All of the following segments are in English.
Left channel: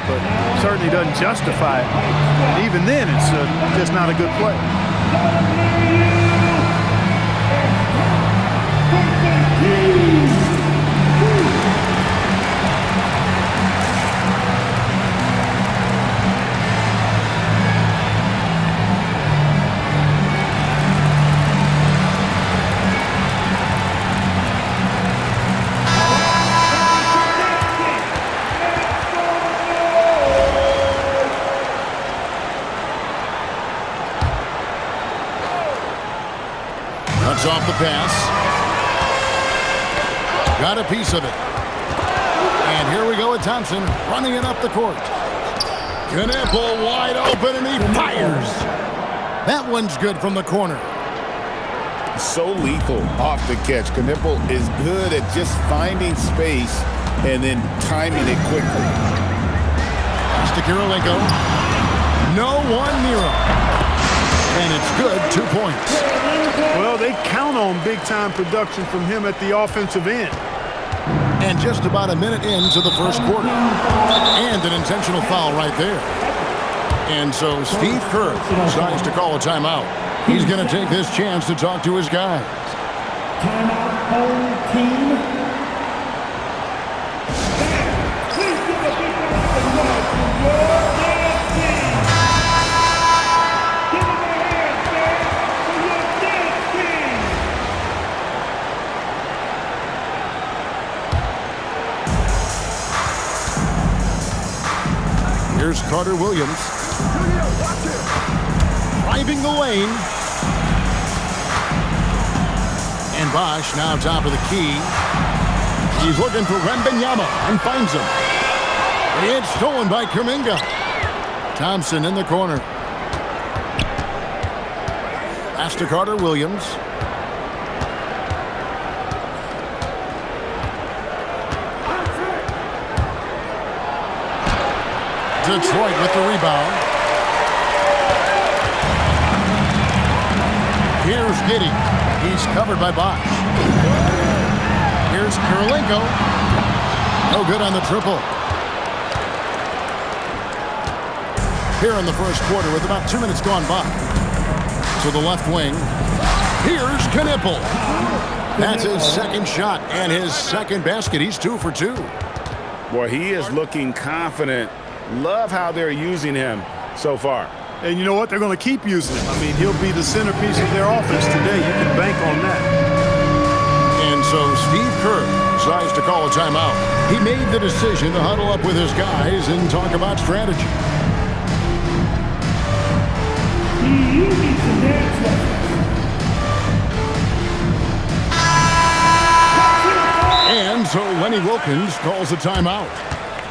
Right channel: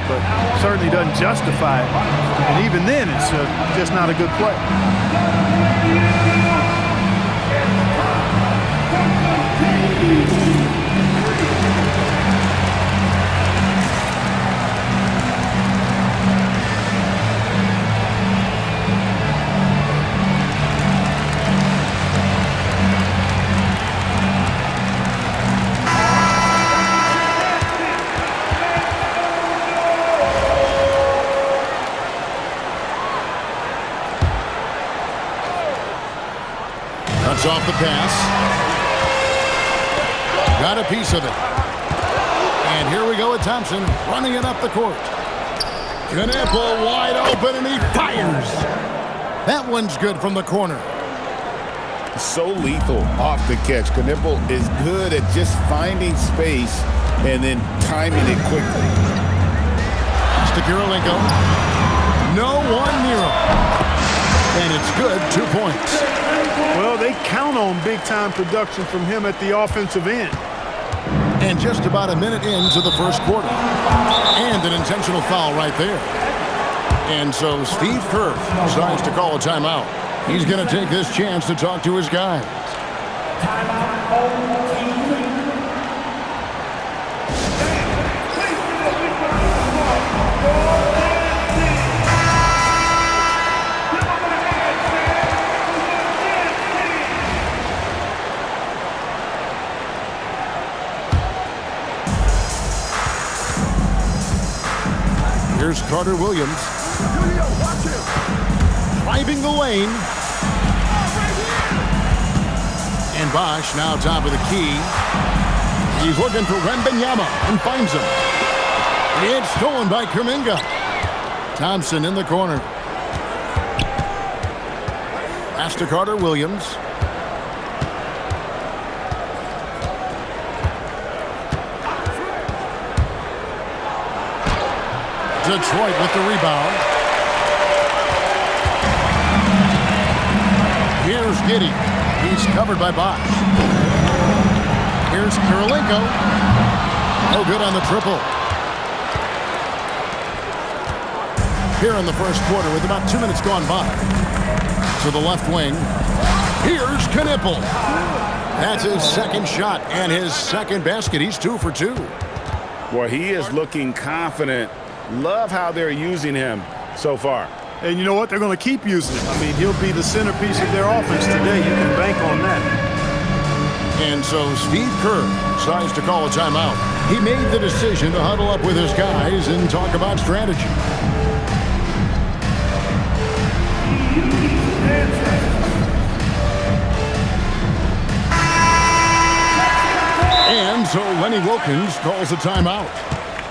it, but certainly doesn't justify it. And even then, it's just not a good play. Cuts off the pass. Got a piece of it. And here we go with Thompson running it up the court. Knipple wide open, and he fires. That one's good from the corner. So lethal off the catch. Knipple is good at just finding space and then timing it quickly. Pass to Kirilenko. No one near him. And it's good, 2 points. Well, they count on big-time production from him at the offensive end. And just about a minute into the first quarter. And an intentional foul right there. And so Steve Kerr decides to call a timeout. He's going to take this chance to talk to his guys. Timeout, home team. Please give a big round of applause for your dance team. Give them a hand, fans, for your dance team. Here's Carter Williams. Driving the lane. And Bosch now top of the key. He's looking for Wembanyama and finds him. It's stolen by Kuminga. Thompson in the corner. Pass to Carter Williams. Detroit with the rebound. Here's Giddey. He's covered by Bosch. Here's Kirilenko. No good on the triple. Here in the first quarter with about 2 minutes gone by. To the left wing. Here's Knipple. That's his second shot and his second basket. He's 2 for 2. Boy, he is looking confident. Love how they're using him so far. And you know what? They're going to keep using him. I mean, he'll be the centerpiece of their offense today. You can bank on that. And so Steve Kerr decides to call a timeout. He made the decision to huddle up with his guys and talk about strategy. You need to dance right. And so Lenny Wilkens calls a timeout.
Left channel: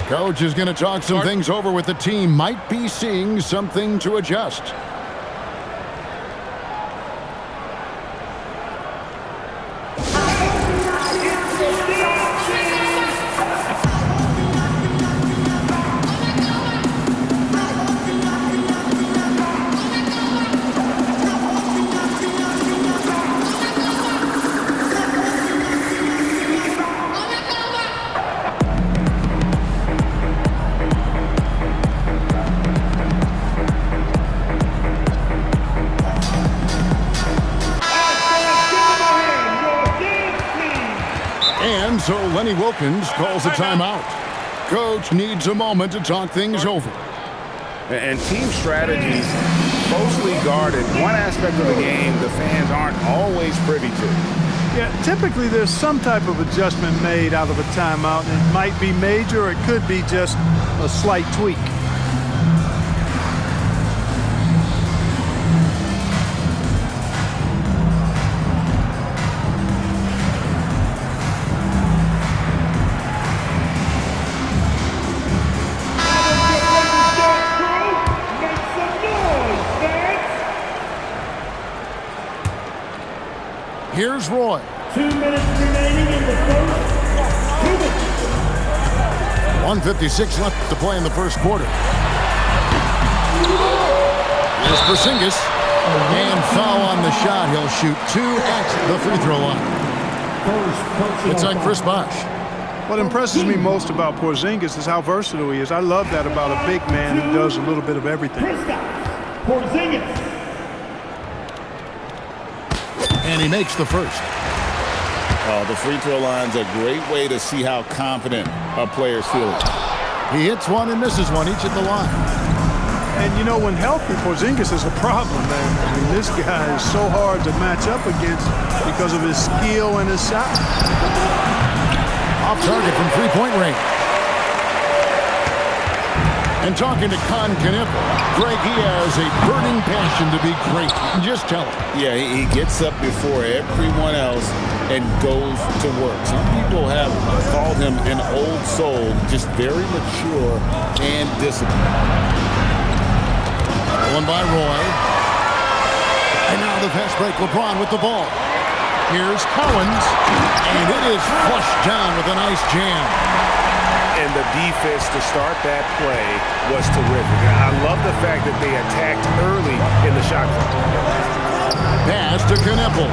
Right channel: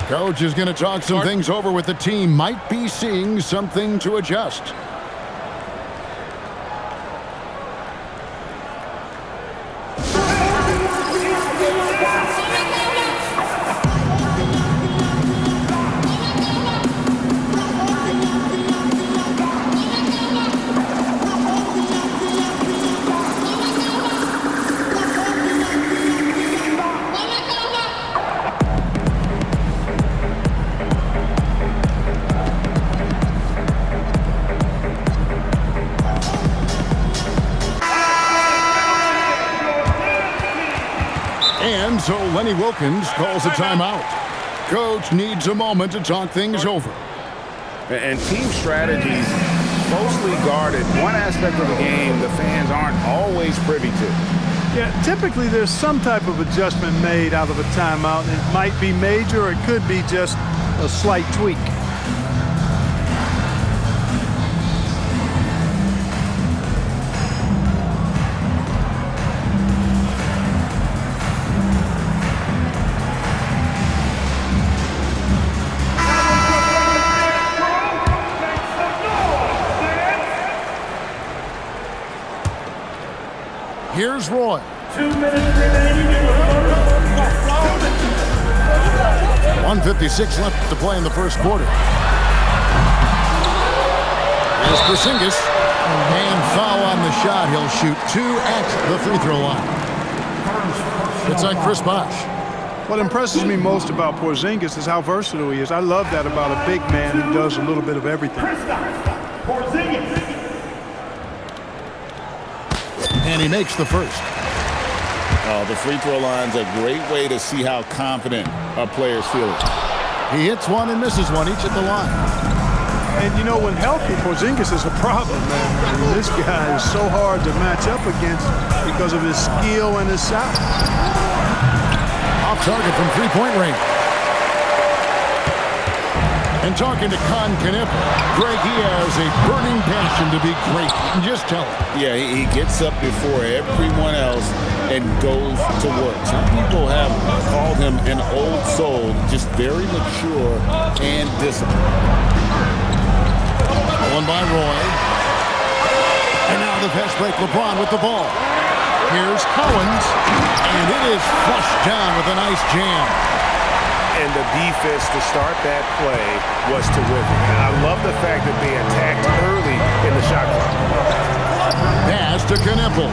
Coach is going to talk some things over with the team. Might be seeing something to adjust. And so Lenny Wilkens calls a timeout. Coach needs a moment to talk things over. And team strategies closely guarded. One aspect of the game the fans aren't always privy to. Yeah, typically there's some type of adjustment made out of a timeout. It might be major or it could be just a slight tweak. Here's Roy. 2 minutes remaining in the first. 1:56 left to play in the first quarter. Here's Porzingis. And foul on the shot. He'll shoot 2 at the free throw line. It's on Chris Bosh. What impresses me most about Porzingis is how versatile he is. I love that about a big man who does a little bit of everything. Kristaps Porzingis. And he makes the first. Oh, the free throw line's a great way to see how confident a player's feeling. He hits one and misses one, each at the line. And you know, when healthy, Porzingis is a problem, man. I mean, this guy is so hard to match up against because of his skill and his size. Off target from three-point range. And talking to Con Knippel, Greg, he has a burning passion to be great. You can just tell it. Yeah, he gets up before everyone else and goes to work. Some people have called him an old soul, just very mature and disciplined. Stolen by Roy. And now the fast break, LeBron with the ball. Here's Collins, and it is flushed down with a nice jam. And the defense to start that play was terrific. I love the fact that they attacked early in the shot clock. Pass to Knippel.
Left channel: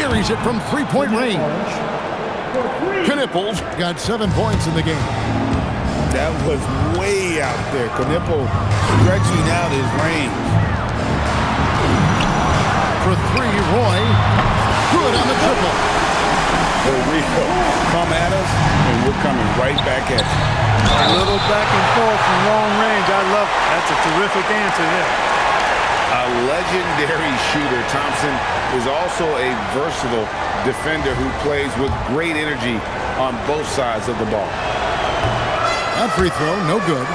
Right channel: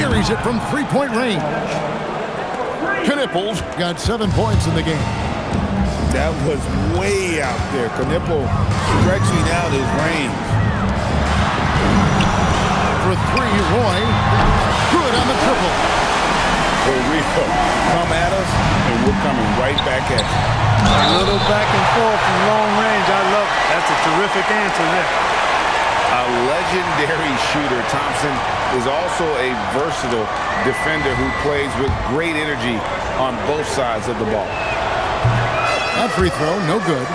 Buries it from three-point range. Knippel's got 7 points in the game. That was way out there. Knippel stretching out his range. For three, Roy. Good on the triple. For real. Come at us, and we're coming right back at you. A little back and forth from long range. I love it. That's a terrific answer there. A legendary shooter, Thompson is also a versatile defender who plays with great energy on both sides of the ball. That free throw, no good.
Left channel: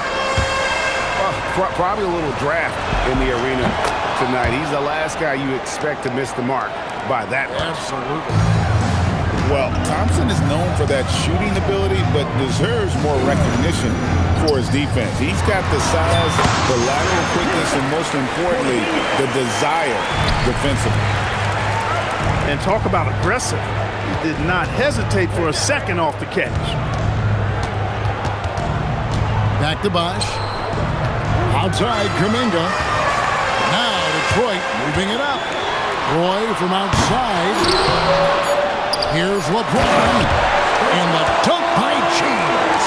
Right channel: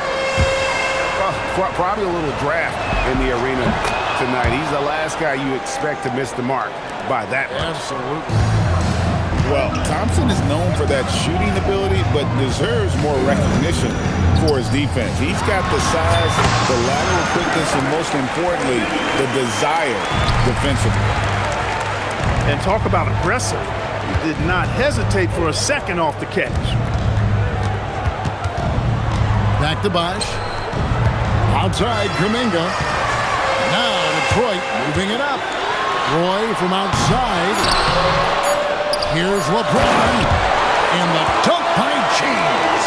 Well, probably a little draft in the arena tonight. He's the last guy you expect to miss the mark by that much. Absolutely. Well, Thompson is known for that shooting ability, but deserves more recognition for his defense. He's got the size, the lateral quickness, and most importantly, the desire defensively. And talk about aggressive. He did not hesitate for a second off the catch. Back to Bosch. Outside, Kuminga. Now Detroit moving it up. Roy from outside. Here's LeBron. And the dunk by James.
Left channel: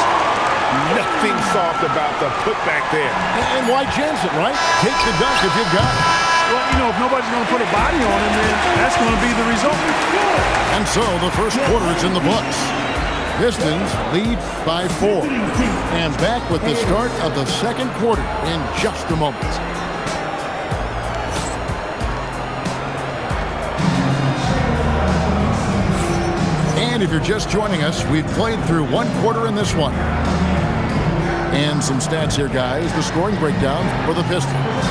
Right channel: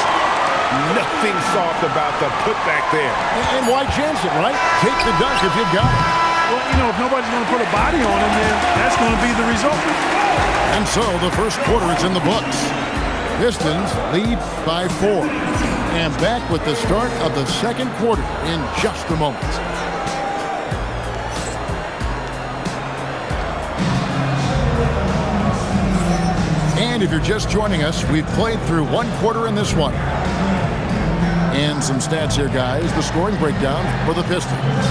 Nothing soft about the putback there. And why chance it, right? Take the dunk if you've got it. Well, you know, if nobody's going to put a body on him, then that's going to be the result. And so the first quarter is in the books. Pistons lead by 4. And back with the start of the second quarter in just a moment. And if you're just joining us, we've played through one quarter in this one. And some stats here, guys. The scoring breakdown for the Pistons.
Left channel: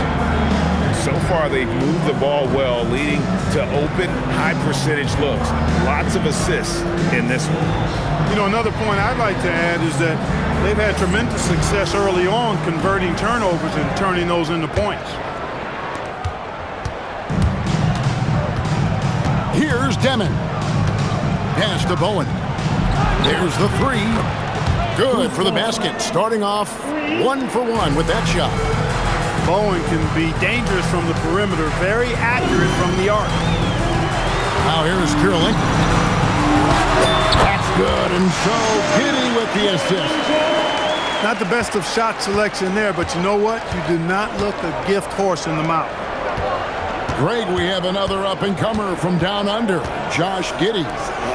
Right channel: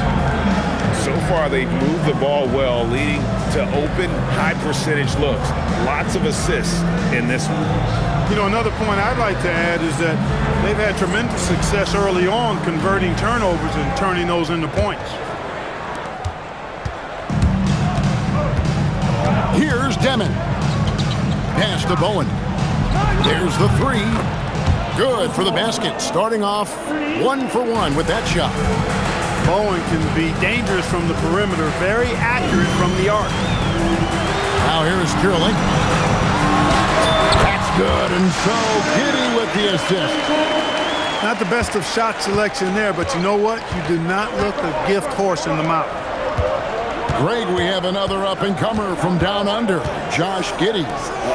So far, they've moved the ball well, leading to open, high-percentage looks. Lots of assists in this one. You know, another point I'd like to add is that they've had tremendous success early on converting turnovers and turning those into points. Here's Demon. Pass to Bowen. There's the three. Good for the basket. Starting off 1 for 1 with that shot. Bowen can be dangerous from the perimeter, very accurate from the arc. Now here is Kirilenko. That's good, and so Giddey with the assist. Not the best of shot selection there, but you know what? You do not look a gift horse in the mouth. Greg, we have another up-and-comer from down under, Josh Giddey.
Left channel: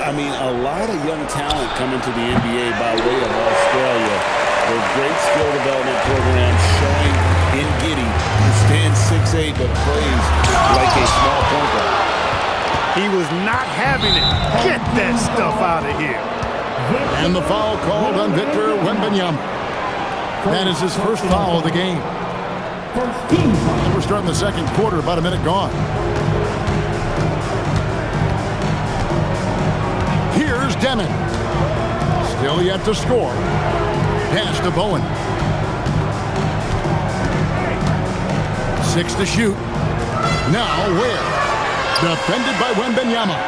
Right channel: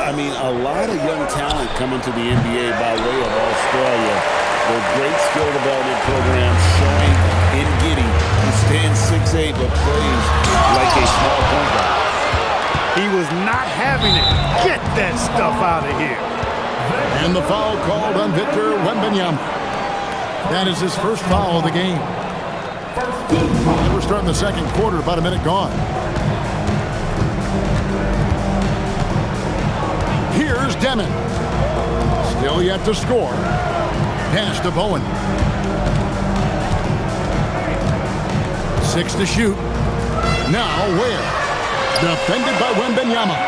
I mean, a lot of young talent coming to the NBA by way of Australia. The great skill development program showing in Giddey, who stands 6'8", but plays like a small point guard. He was not having it. Get that stuff out of here. And the foul called on Victor Wembanyama. That is his first foul of the game. And we're starting the second quarter, about a minute gone. Here's Demon. Still yet to score. Pass to Bowen. 6 to shoot. Now where? Defended by Wembanyama.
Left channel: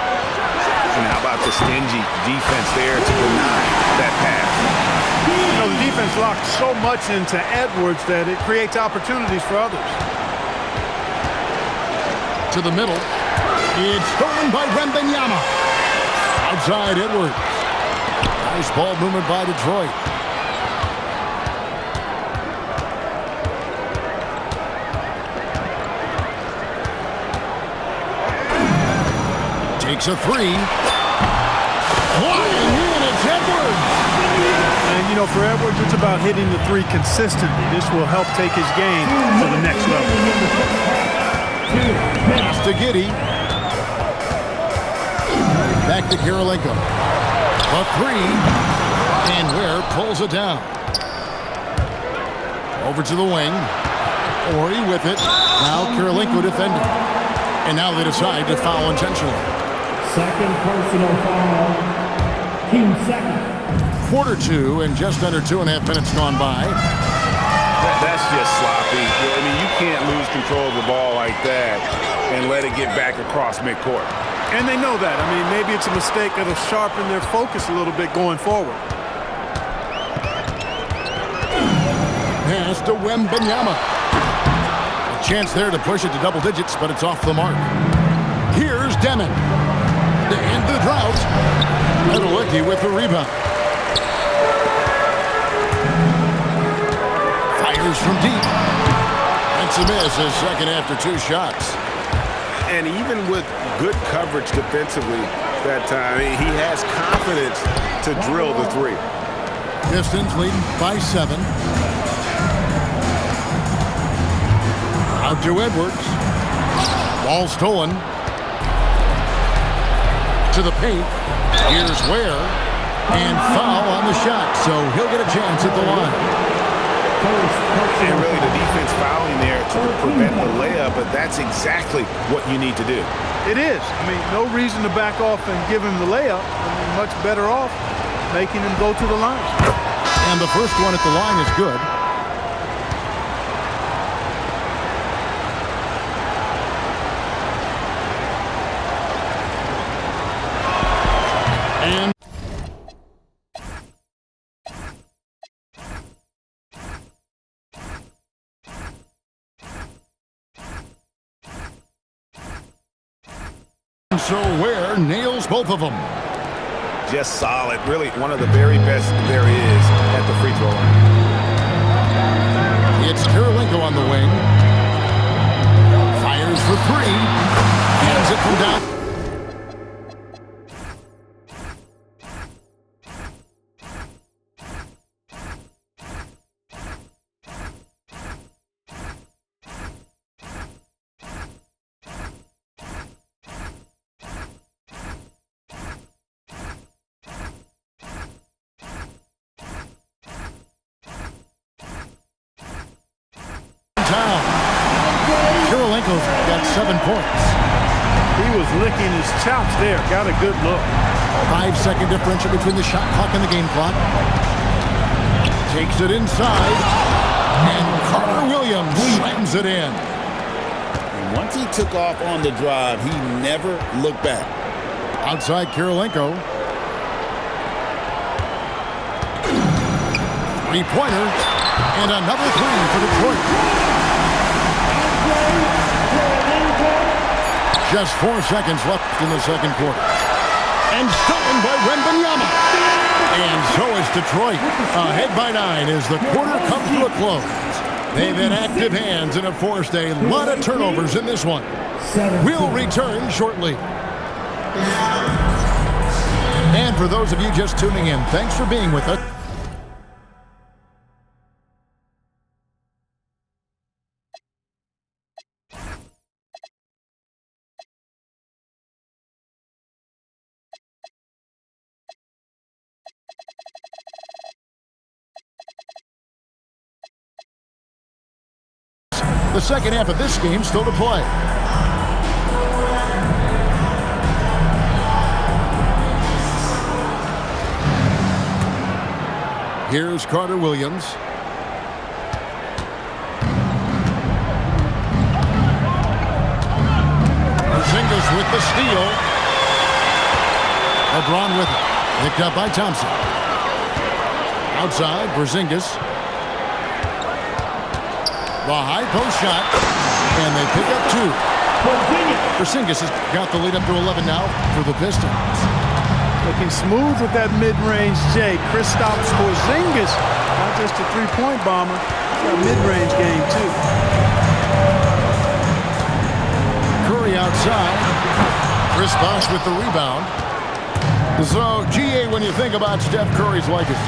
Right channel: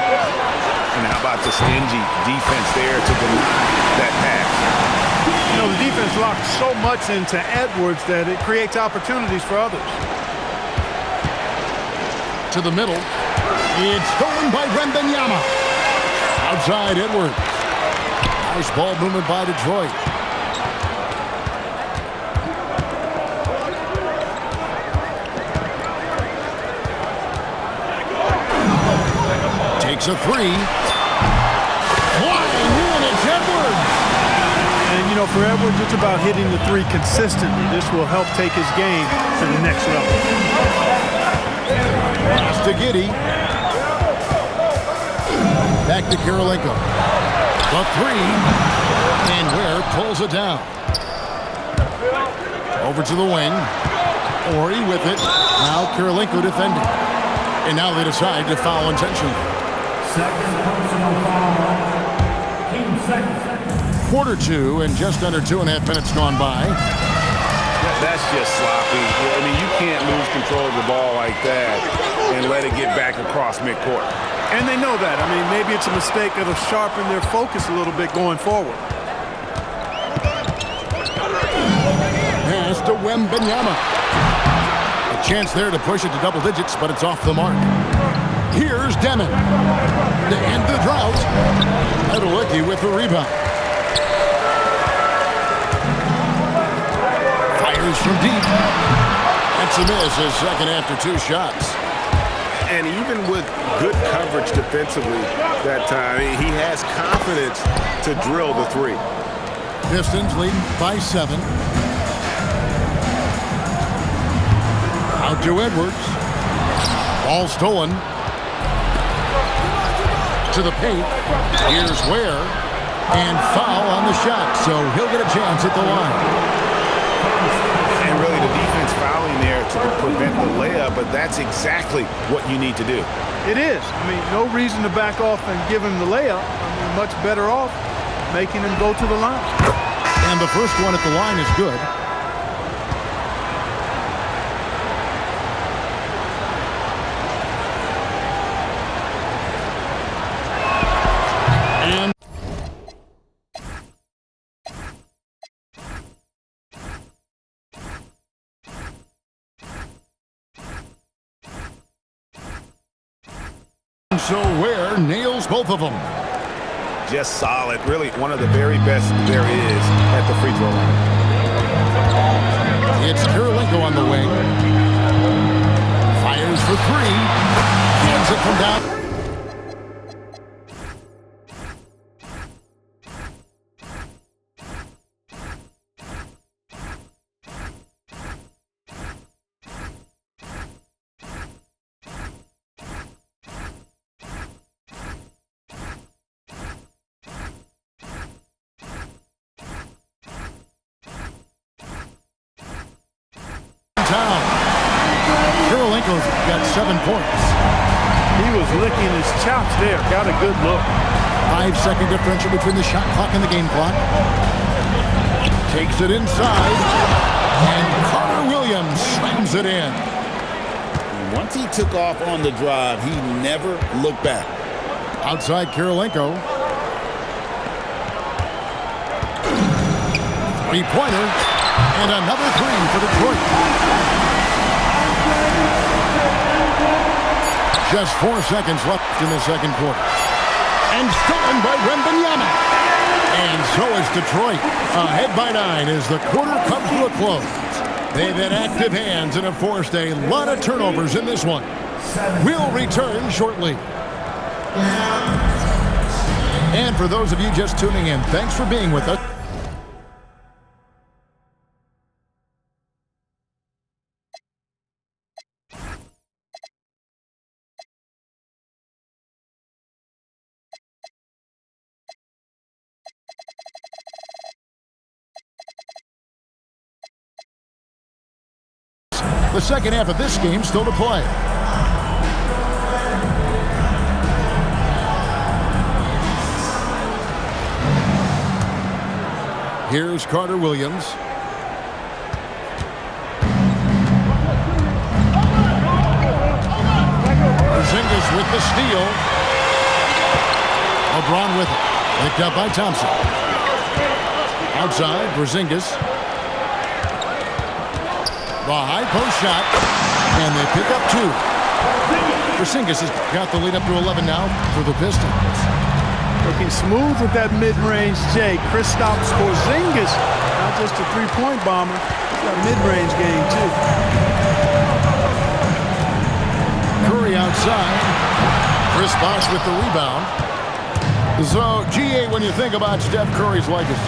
And how about the stingy defense there to deny that pass? You know, the defense locked so much into Edwards that it creates opportunities for others. To the middle. It's stolen by Wembanyama. Outside Edwards. Nice ball movement by Detroit. Takes a three. Flying in, it's Edwards. And, you know, for Edwards, it's about hitting the three consistently. This will help take his game to the next level. Pass to Giddey. Back to Kirilenko. The three. And Ware pulls it down. Over to the wing. Ori with it. Now Kirilenko defending. And now they decide to foul intentionally. Second personal foul. Team second. Quarter two, and just under 2.5 minutes gone by. That's just sloppy. I mean, you can't lose control of the ball like that and let it get back across midcourt. And they know that. I mean, maybe it's a mistake that'll sharpen their focus a little bit going forward. Pass to Wembanyama. A chance there to push it to double digits, but it's off the mark. Here's Demon. To end the drought. Adelicki with the rebound. Fires from deep. That's a miss, his second after 2 shots. And even with good coverage defensively that time, he has confidence to drill the three. Pistons leading by 7. Out to Edwards. Ball stolen. To the paint. Here's Ware. And foul on the shot, so he'll get a chance at the line. And really the defense fouling there to prevent the layup, but that's exactly what you need to do. It is. I mean, no reason to back off and give him the layup. I mean, much better off making him go to the line. And the first one at the line is good. And so Ware nails both of them. Just solid. Really one of the very best there is at the free throw line. It's Kirilenko on the wing. Fires for 3. Hands it from down. Town. Kirilenko's got 7 points. He was licking his chops there. Got a good look. 5-second differential between the shot clock and the game clock. Takes it inside. And Carter Williams slams it in. Once he took off on the drive, he never looked back. Outside Kirilenko. 3-pointer. And another 3 for Detroit. Just 4 seconds left in the second quarter. And stolen by Wembanyama. And so is Detroit. Ahead by 9 as the quarter comes to a close. They've had active hands and have forced a lot of turnovers in this one. We'll return shortly. And for those of you just tuning in, thanks for being with us. The second half of this game still to play. Here's Carter Williams. Porzingis with the steal. LeBron with it. Picked up by Thompson. Outside, Porzingis. The high post shot, and they pick up 2. Porzingis has got the lead up to 11 now for the Pistons. Looking smooth with that mid-range J. Kristaps Porzingis, not just a three-point bomber. He's got mid-range game, too. Curry outside. Chris Bosh with the rebound. So, GA, when you think about Steph Curry's legacy,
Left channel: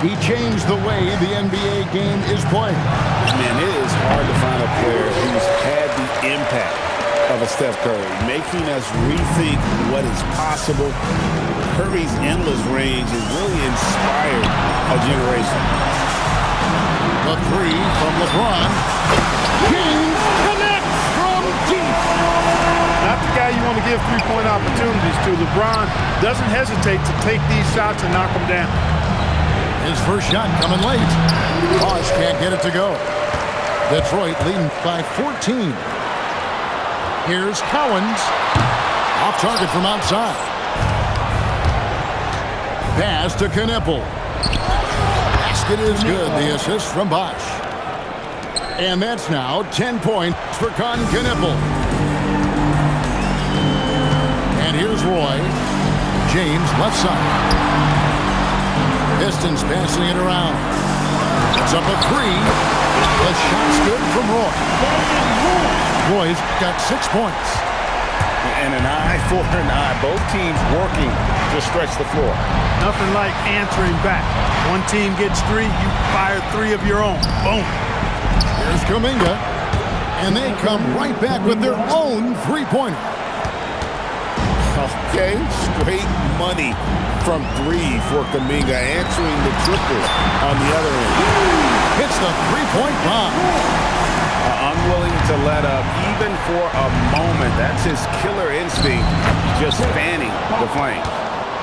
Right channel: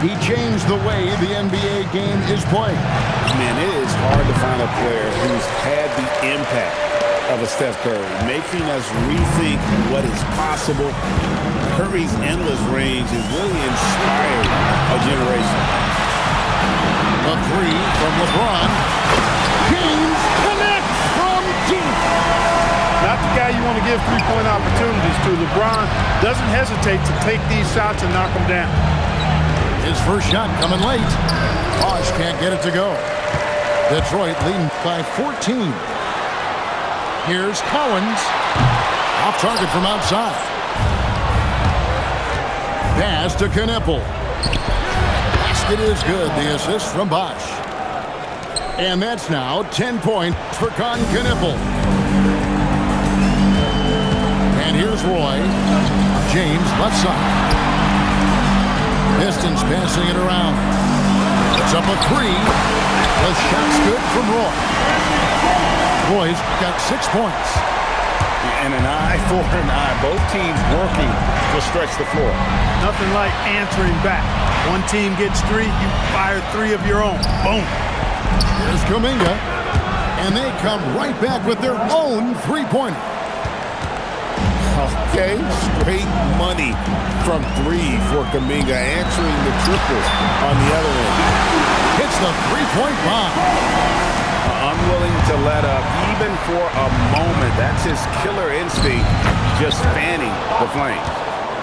he changed the way the NBA game is played. Man, it is hard to find a player who's had the impact of a Steph Curry, making us rethink what is possible. Curry's endless range has really inspired a generation. A three from LeBron. James connects from deep. Not the guy you want to give three-point opportunities to. LeBron doesn't hesitate to take these shots and knock them down. His first shot coming late. Bosh can't get it to go. Detroit leading by 14. Here's Cowens. Off target from outside. Pass to Knippel. Basket is good. The assist from Bosh. And that's now 10 points for Con Knippel. And here's Roy. James left side. Pistons passing it around. It's up a three. The shot's good from Roy. Roy's got 6 points. And an eye for an eye. Both teams working to stretch the floor. Nothing like answering back. One team gets three, you fire three of your own. Boom. Here's Kuminga. And they come right back with their own three-pointer. Okay, straight money from three for Kuminga, answering the triple on the other end. Hits the three-point bomb. Unwilling to let up even for a moment. That's his killer instinct, just fanning the flames.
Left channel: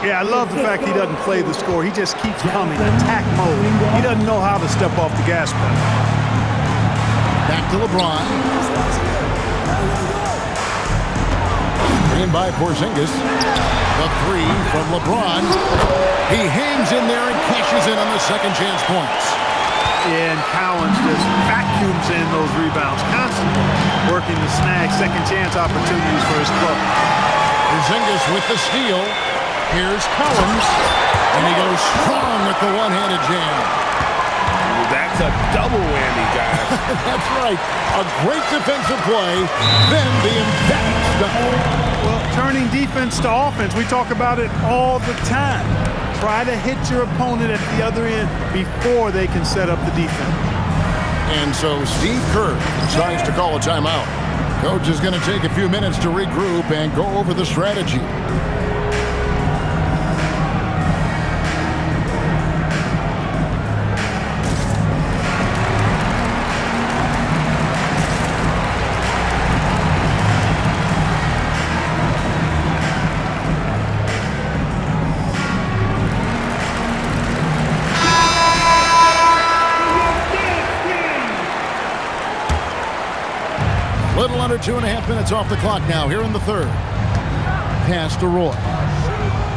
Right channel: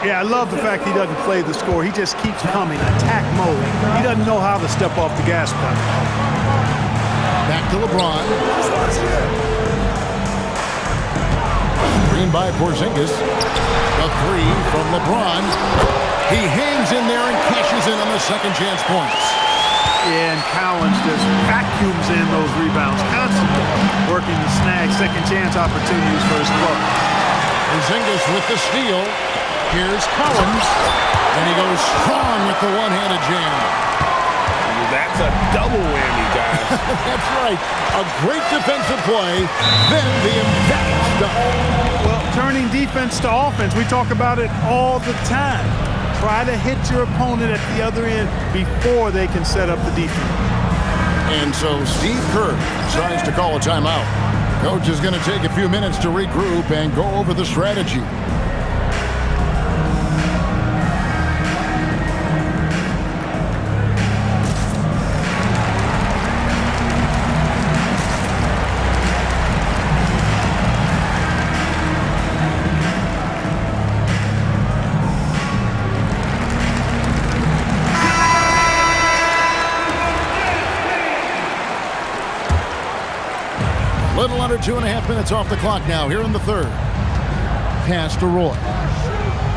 Yeah, I love the fact he doesn't play the score. He just keeps coming, attack mode. He doesn't know how to step off the gas pedal. Back to LeBron. Screen by Porzingis. The three from LeBron. He hangs in there and cashes in on the second chance points. Yeah, and Cowens just vacuums in those rebounds, constantly working to snag second chance opportunities for his club. Porzingis with the steal. Here's Cowens. And he goes strong with the one-handed jam. That's a double whammy, guys. That's right. A great defensive play, then the emphatic stuff. Well, turning defense to offense, we talk about it all the time. Try to hit your opponent at the other end before they can set up the defense. And so Steve Kerr decides to call a timeout. Coach is going to take a few minutes to regroup and go over the strategy. Little under 2.5 minutes off the clock now here in the third. Pass to Roy.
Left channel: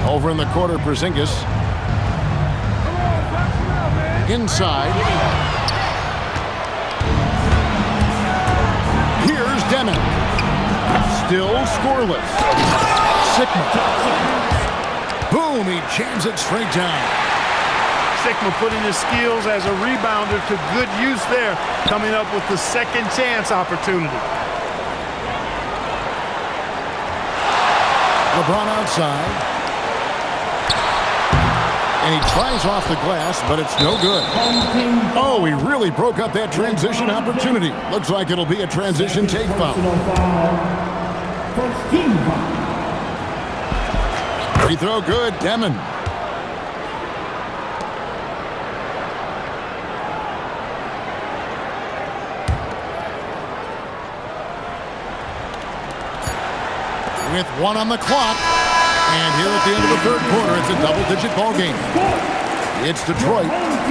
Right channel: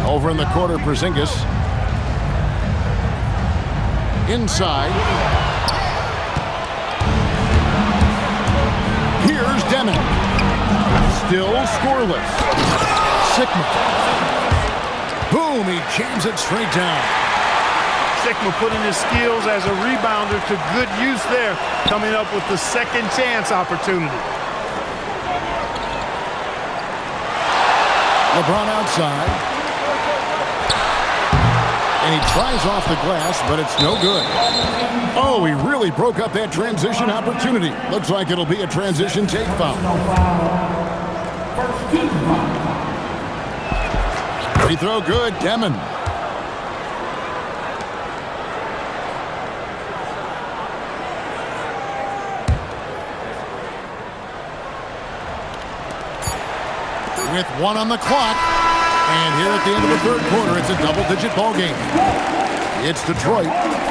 Over in the quarter, Porzingis. Inside. Here's Demon. Still scoreless. Sikma. Boom, he jams it straight down. Sikma putting his skills as a rebounder to good use there, coming up with the second chance opportunity. LeBron outside. And he tries off the glass, but it's no good. Oh, he really broke up that transition opportunity. Looks like it'll be a transition take foul. Free throw good, Demon. With one on the clock. And here at the end of the third quarter, it's a double-digit ball game. It's Detroit.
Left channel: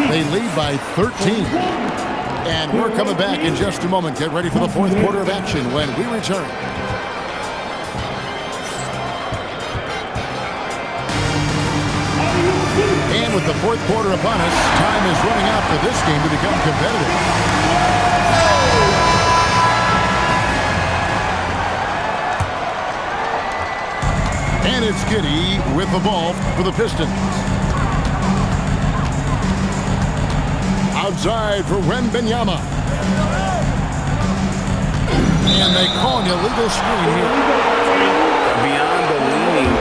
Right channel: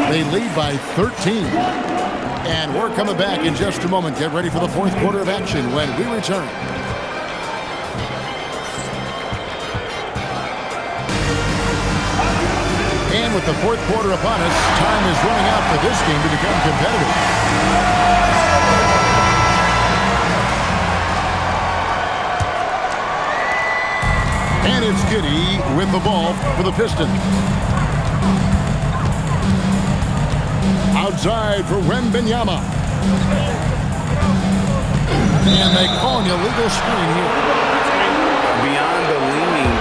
They lead by 13. And we're coming back in just a moment. Get ready for the fourth quarter of action when we return. And with the fourth quarter upon us, time is running out for this game to become competitive. And it's Giddey with the ball for the Pistons. Outside for Wembanyama. And they call an illegal screen here. Beyond the leaning,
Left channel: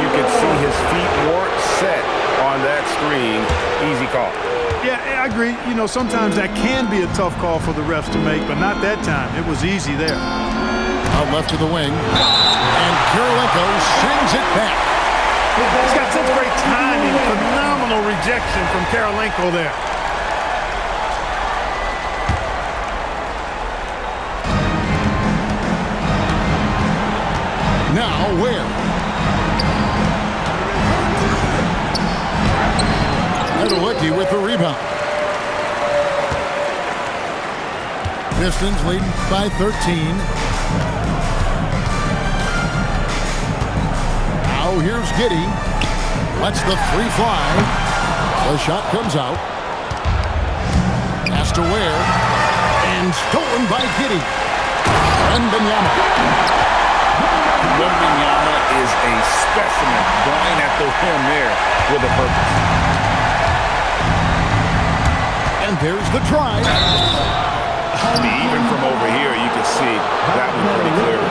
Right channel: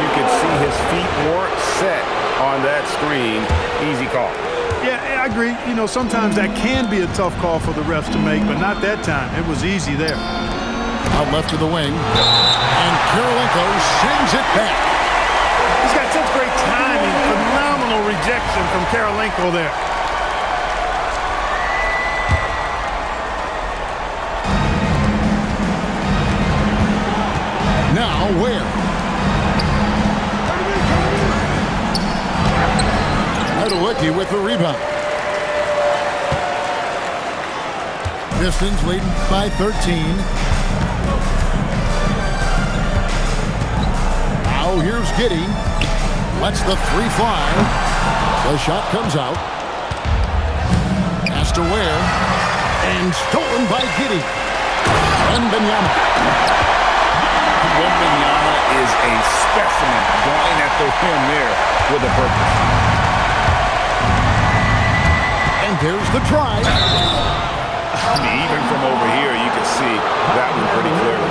you could see his feet weren't set on that screen. Easy call. Yeah, I agree. You know, sometimes that can be a tough call for the refs to make, but not that time. It was easy there. Out left to the wing. And Kirilenko sends it back. He's got such great timing. Phenomenal rejection from Kirilenko there. Now where? Medalicki with the rebound. Pistons leading by 13. Now here's Giddey. Lets the three fly. The shot comes out. Pass to Ware. And stolen by Giddey. Wembanyama. Wembanyama is a specimen going at the rim there with a purpose. And there's the drive. I mean, even from over here, you can see that one pretty clearly.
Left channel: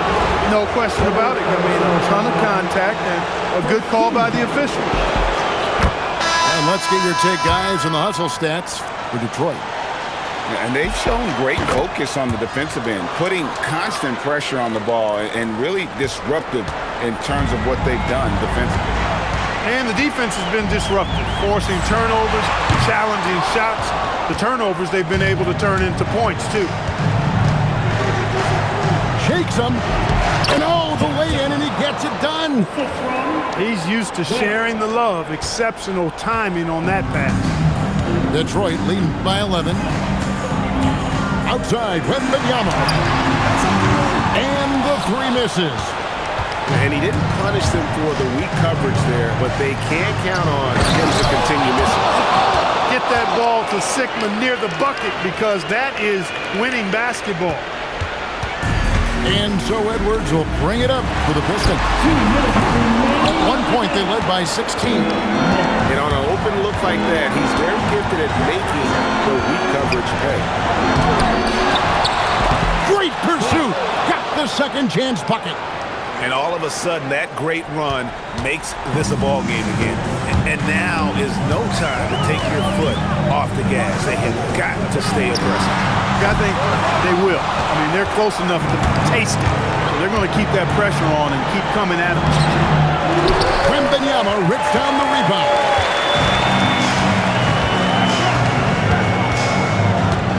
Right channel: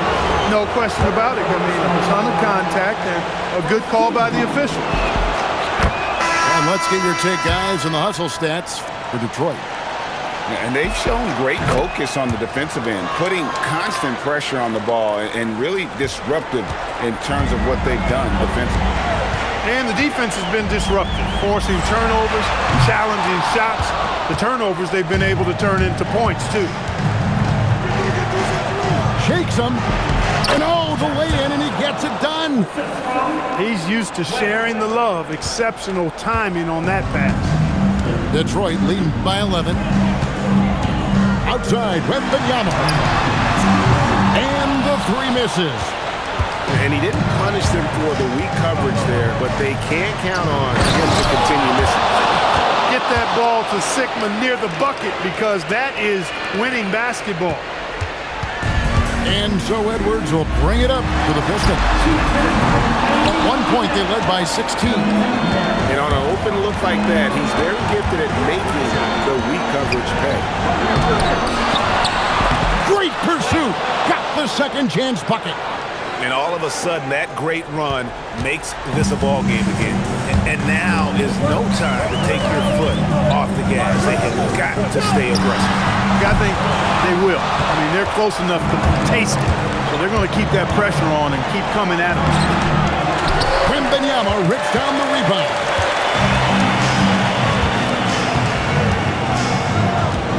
No question about it. I mean, a ton of contact and a good call by the official. And let's get your take, guys, on the hustle stats for Detroit. And they've shown great focus on the defensive end, putting constant pressure on the ball and really disruptive in terms of what they've done defensively. And the defense has been disruptive, forcing turnovers, challenging shots. The turnovers they've been able to turn into points, too. Shakes him. And all the way in, and he gets it done. He's used to sharing the love. Exceptional timing on that pass. Detroit leading by 11. Outside, Wembanyama. And the three misses. And he didn't punish them for the weak coverage there, but they can't count on him to continue missing. Get that ball to Sigma near the bucket because that is winning basketball. And so Edwards will bring it up for the Pistons. At one point, they led by 16. And on an open look like that, he's very gifted at making the weak coverage pay. Great pursuit. Got the second chance bucket. And all of a sudden, that great run makes this a ball game again. And now is no time to take your foot off the gas. They have got to stay aggressive. I think they will. I mean, they're close enough to taste it. So they're going to keep that pressure on and keep coming at them. Wembanyama rips down the rebound.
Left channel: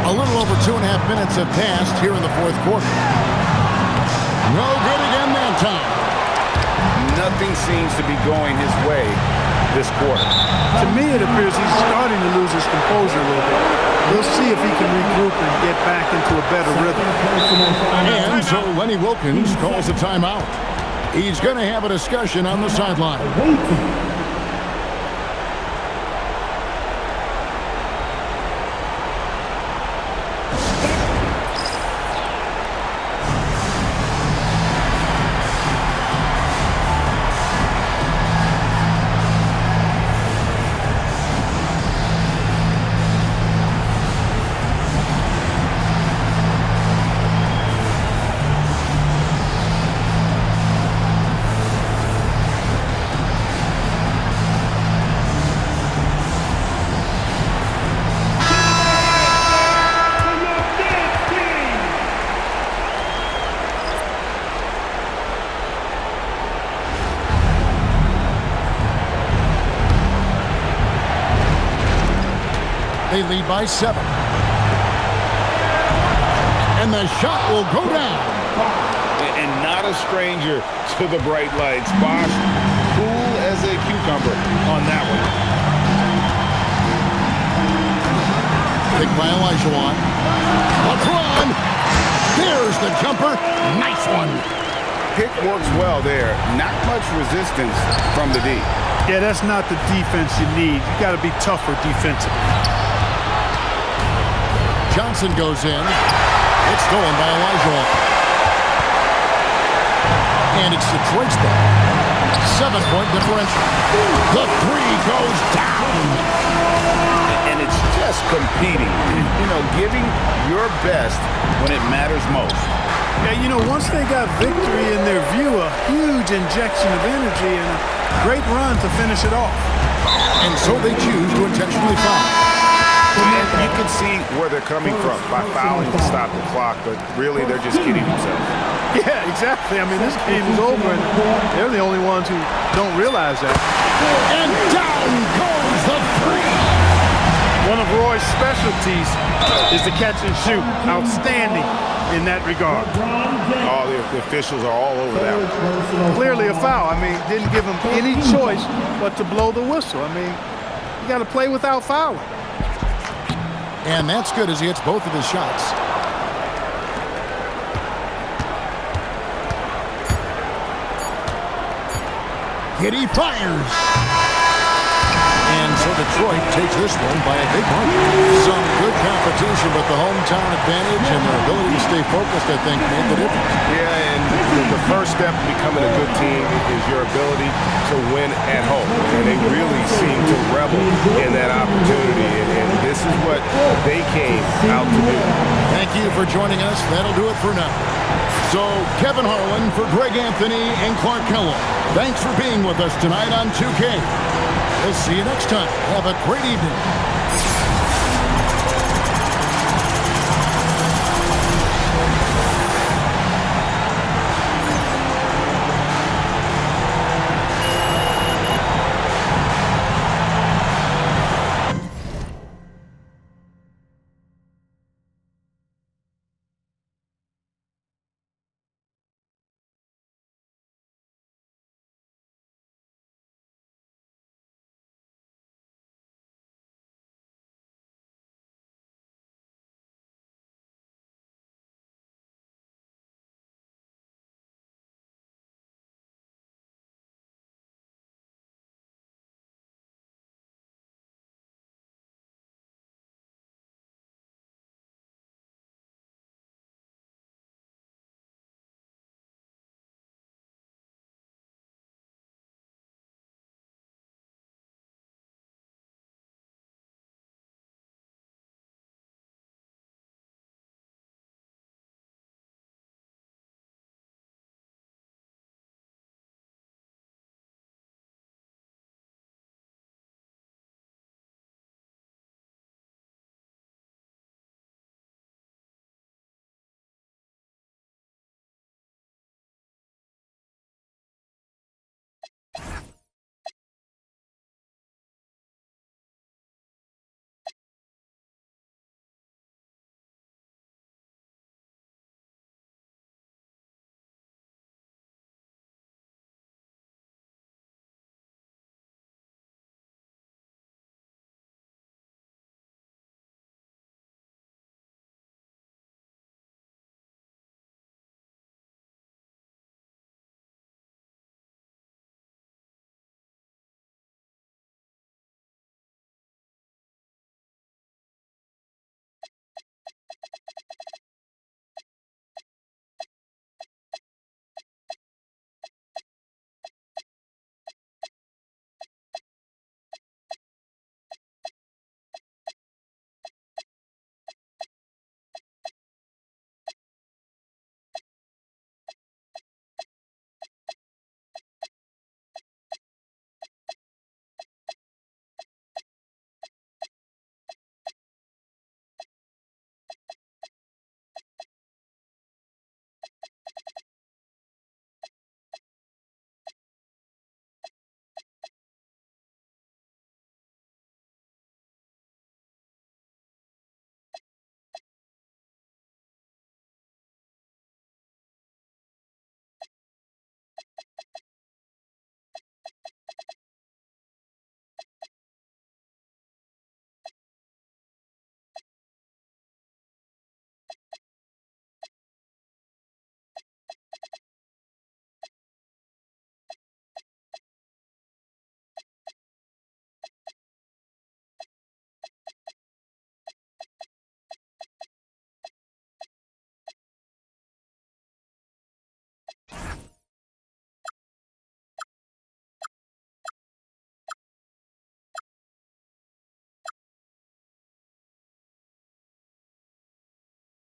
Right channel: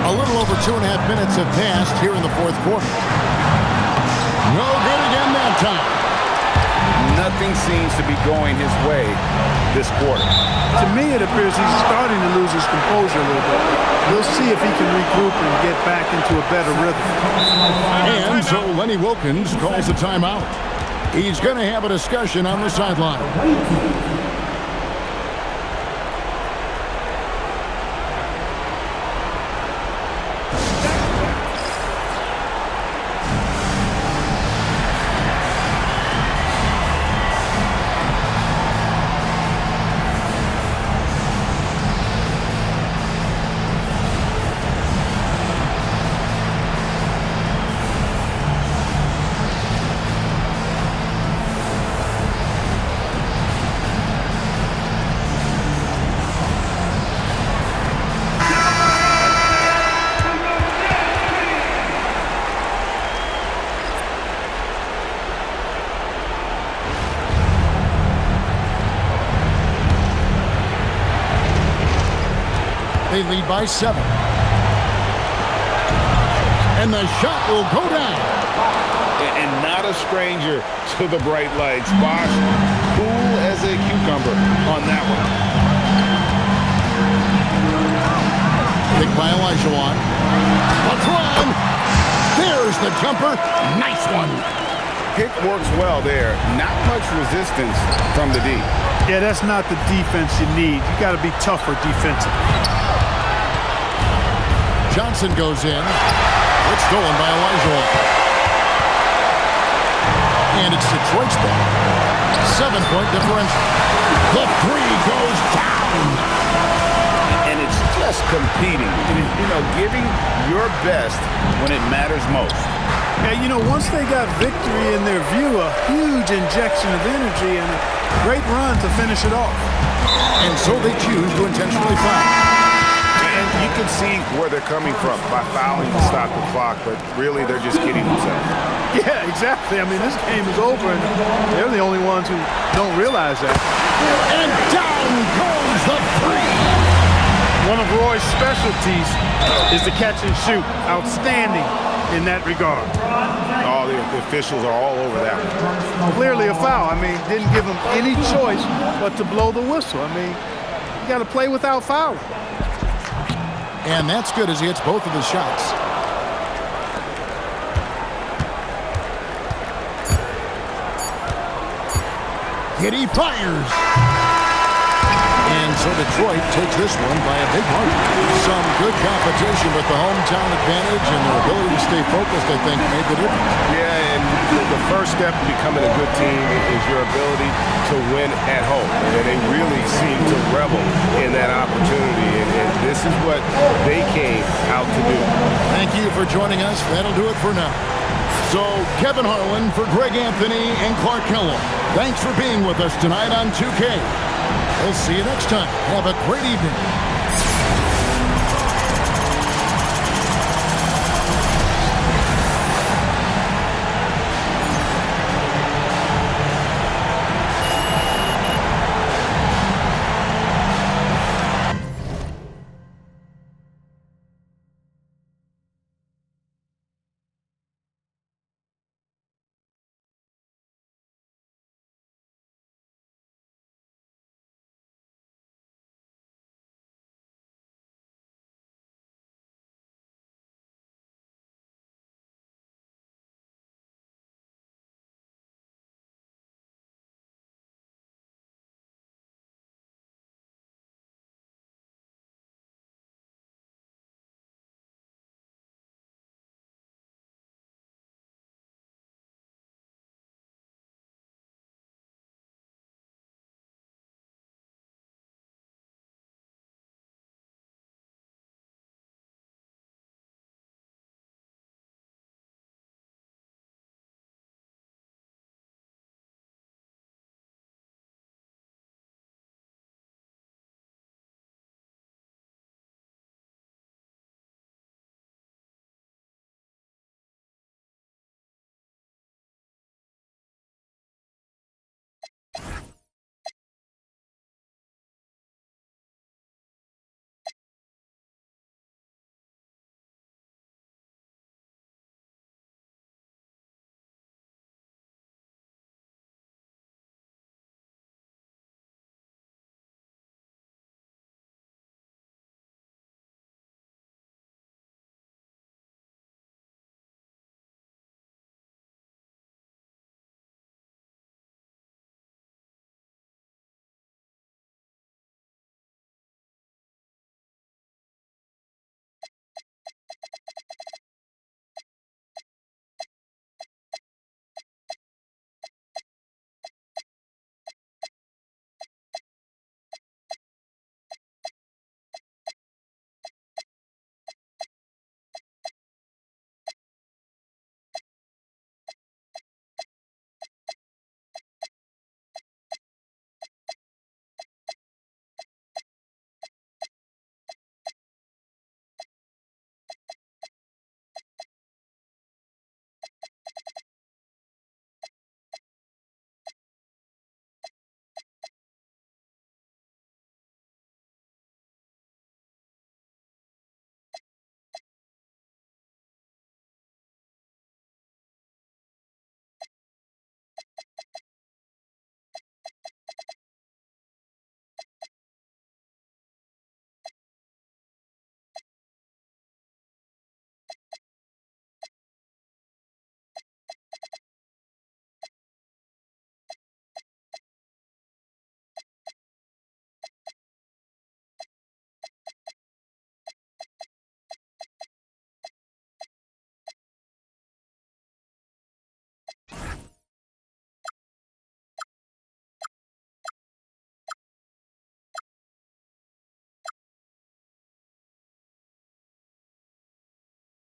A little over 2.5 minutes have passed here in the fourth quarter. No good again that time. Nothing seems to be going his way this quarter. To me, it appears he's starting to lose his composure a little bit. We'll see if he can regroup and get back into a better rhythm. And so Lenny Wilkins calls a timeout. He's going to have a discussion on the sideline. They lead by 7. And the shot will go down. And not a stranger to the bright lights. Bosh, cool as a cucumber on that one. Picked by Olajuwon. LeBron. There's the jumper. Nice one. Pick works well there. Not much resistance from the D. Yeah, that's not the defense you need. You got to be tougher defensively. Johnson goes in. It's stolen by Olajuwon. And it's Detroit's ball. 7-point differential. The three goes down. And it's just competing, giving your best when it matters most. Yeah, once they got victory in their view, a huge injection of energy and a great run to finish it off. And so they choose to intentionally foul. And you can see where they're coming from by fouling to stop the clock, but really they're just kidding themselves. Yeah, exactly. I mean, this game is over, and they're the only ones who don't realize that. And down goes the three. One of Roy's specialties is the catch and shoot. Outstanding in that regard. Oh, the officials are all over that one. Clearly a foul. I mean, didn't give him any choice but to blow the whistle. I mean, you got to play without fouling. And that's good as he hits both of his shots. Giddy fires. And so Detroit takes this one by a big margin. Some good competition, but the hometown advantage and their ability to stay focused, I think, made the difference. Yeah, and the first step to becoming a good team is your ability to win at home. And they really seem to revel in that opportunity, and this is what they came out to do. Thank you for joining us. That'll do it for now. So, Kevin Harlan for Greg Anthony and Clark Kellogg. Thanks for being with us tonight on 2K. We'll see you next time. Have a great evening.